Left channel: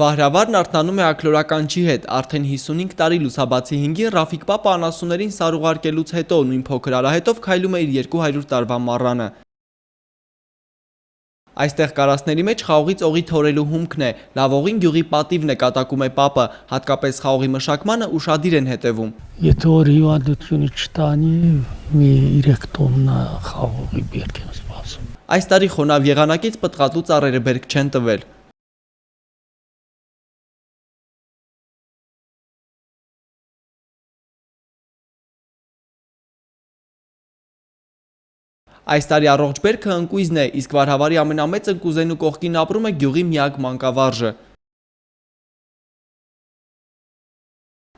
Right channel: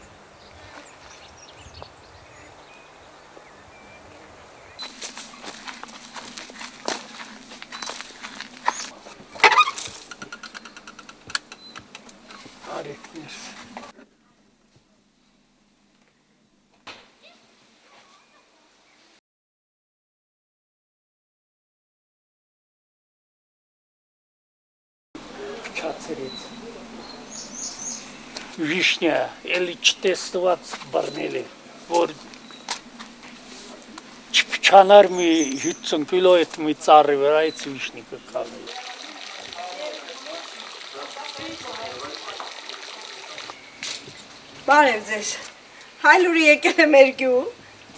Վահրավարն արթնանում է աքլորականչի հետ, արդեն 55 տարի լուսաբացի 5-ին Ռաֆիկ պապը անասուններին սար ուղարկելուց հետո նույն փոքր արահետով քայլում է իր 200 տարվա մառանը։ Այստեղ կարասների մեջ խաղողից օղի թորելու հումքն է, լավողին գյուղի պատիվն է կատակում է պապը, հատկապես խաղողի մշակմանը ուշադիր են հետևում։ Եթե որ հիվանդությունը չտանի, մի 3 տոննա խաղողի բերք եմ սպասում։ Այս տարի խոնավ եղանակից պտղատու ծառերը բերք չեն տվել։ Վիշնյա, էլի չտեստված բռնել է, որ չփչանար մի 50 կիլո այդ մի ծառի վրայից վիշնի կկալի։ Այս տարի առողջ բերքը ընկույզն է, իսկ Վահրավարի ամենամեծ ընկուզենու կողքին ապրում է գյուղի միակ մանկավարժը։ Բարև ձեզ, հայլուրի եկել է մեր գյուղ։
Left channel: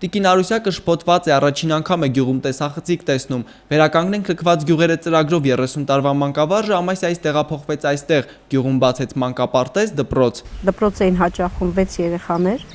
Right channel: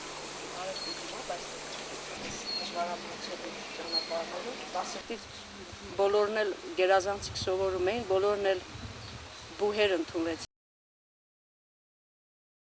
Տիկին Արուսյակը շփոթված է, առաջին անգամ է գյուղում տեսախցիկ տեսնում։ Վերականգնենք լքված գյուղերը ծրագրով 30 տարվա մանկավարժը ամասյայից տեղափոխվեց այստեղ, գյուղում բացեց մանկապարտեզ, դպրոց։ Դպրոց էին հաճախում 6 երեխաներ,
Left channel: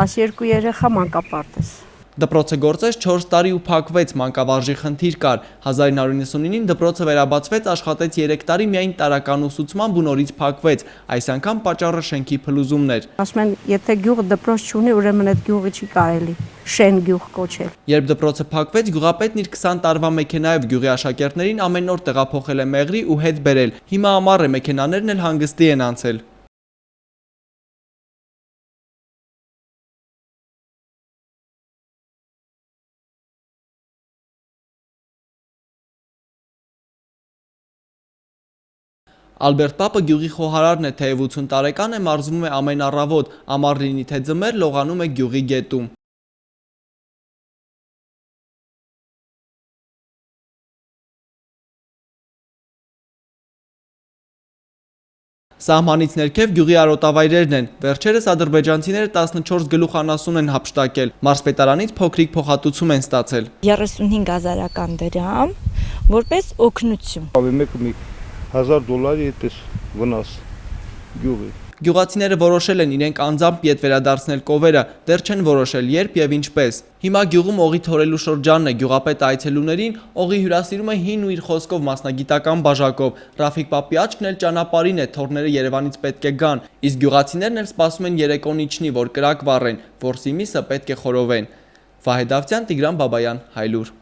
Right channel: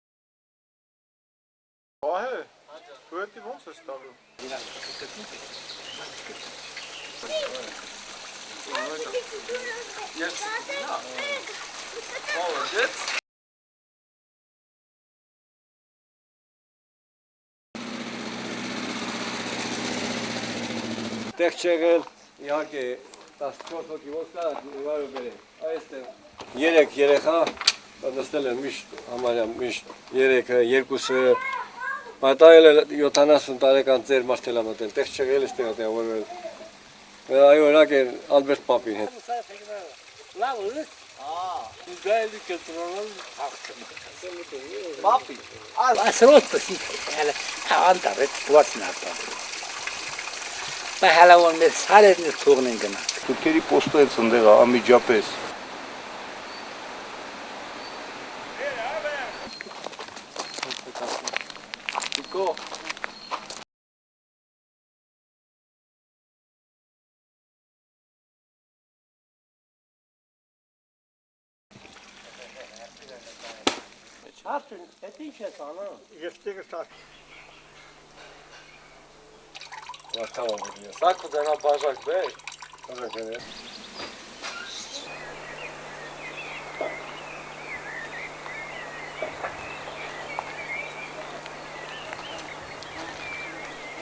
12 երեխա մանկապարտեզ։ Դպրոցը գործեց 4 տարի ու փակվեց, մանկավարժի խնդիր կար։ 1999-ին դպրոցը վերաբացվեց, աշխատեց 3 տարի միայն տարրական ուսուցմամբ ու նորից փակվեց։ Այս անգամ պատճառը շենքի փլուզումն էր։ Ասում են, եթե գյուղը դպրոց չունի, ուրեմն այդ գյուղը չի կարելի շեն գյուղ կոչել։ Երբ դպրոցը փակվեց, գյուղապետն իր 20 տարվա մեքենայով գյուղի աշակերտներին ամեն օր տեղափոխել է Մեղրի ու հետ բերել։ Հիմա ամառ է, մեքենաներն էլ հանգստի են անցել։ 3 երեխա նստել են միշտ, համարյա միշտ 3-ը, 2-ը Մատայել է 70 տարեկան ծեր մարդել ամատել, տեղ չեղել է ստեղ տեղավորվել։ Այո, օրակ է Ալբերտ պապին հետ։ Ալբերտ պապը գյուղի խոհարարն է, թեև 80 տարեկան է, մարզվում է ամեն առավոտ, ամառ լինի թե ձմեռ, լողանում է գյուղի գետում։ Թուրքերի պոստը ցնդեղա անմիջապես։ Սահմանից ներքև գյուղի արոտավայրերն են։ Վերջերս ադրբեջանցիները 14 գլուխ անասուն են հափշտակել։ Մարզպետարանից փոքրիկ փոխհատուցում են ստացել։ 35,000 դրամ, որպես օգնություն։ Մեկը մի $1000 էտես վնաս գյուղի։ Գյուղացիները որոշել են իրենք անձամբ ետ վերադարձնել կովերը, դեռ չեն որոշել երբ եւ ինչպես։ Հիմա գյուղում օղի թորելու շրջանն է, գյուղապետը այցելուներին օղի հյուրասիրում է հին ու իր խոսքով մասնագիտական բաժակով։ Ռաֆիկ պապի աչքն էլ ճանապարհին է, թորները Երևանից պետք է գան, իսկ գյուղացիներն էլ սպասում են երեկոն իջնի, որ կրակ վառեն, որսի միսը պետք է խորովեն։ Վահե Դավթյան, Տիգրան Բաբայան, Հայլուր։